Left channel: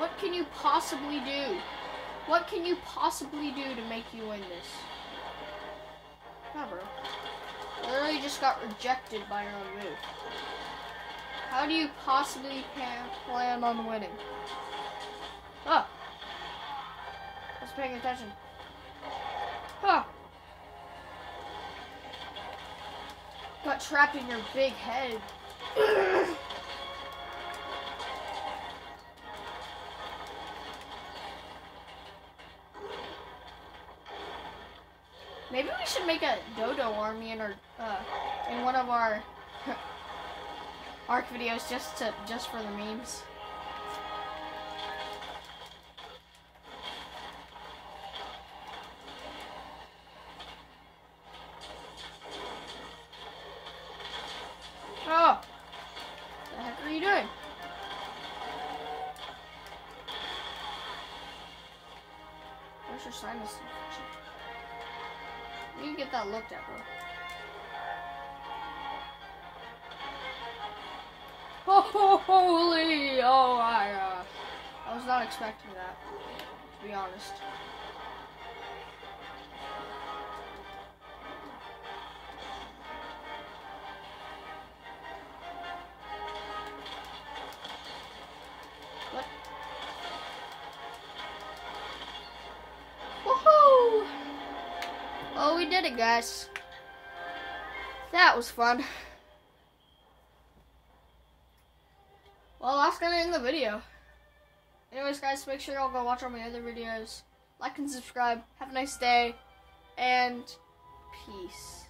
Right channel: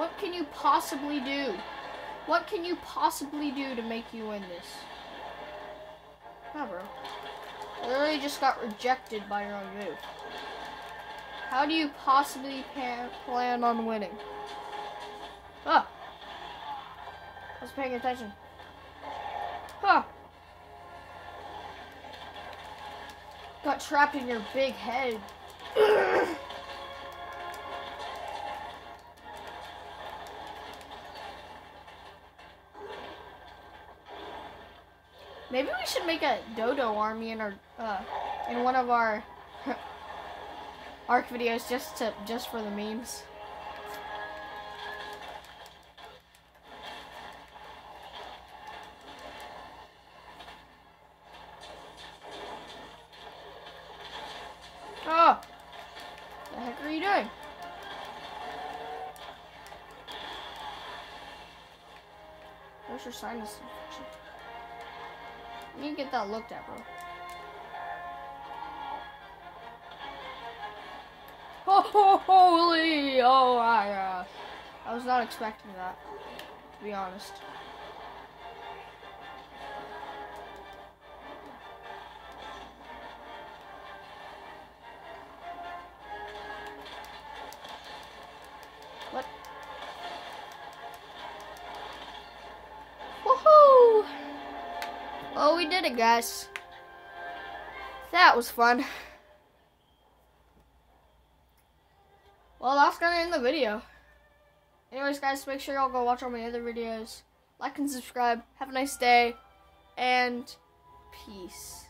What can you possibly do? What can you possibly do to make you win this? Never. Literally just got rejected by your own move. How do you possibly plan on winning? Oh. I was paying attention. Oh. Got trapped in your big head. Maybe we should make a Dodo army in our in one of our ARK videos just for the memes. Oh, what the heck are you doing? Where's your sinus infection? You can get that looked at, bro. Oh, holy! Oh, I was not expecting that, to be honest. What? Woohoo! Oh, we did it, guys. That was fun. Well, that's gonna end the video. Anyways, guys, make sure y'all go watch all my other videos. Like and subscribe. Have a nice day. And peace.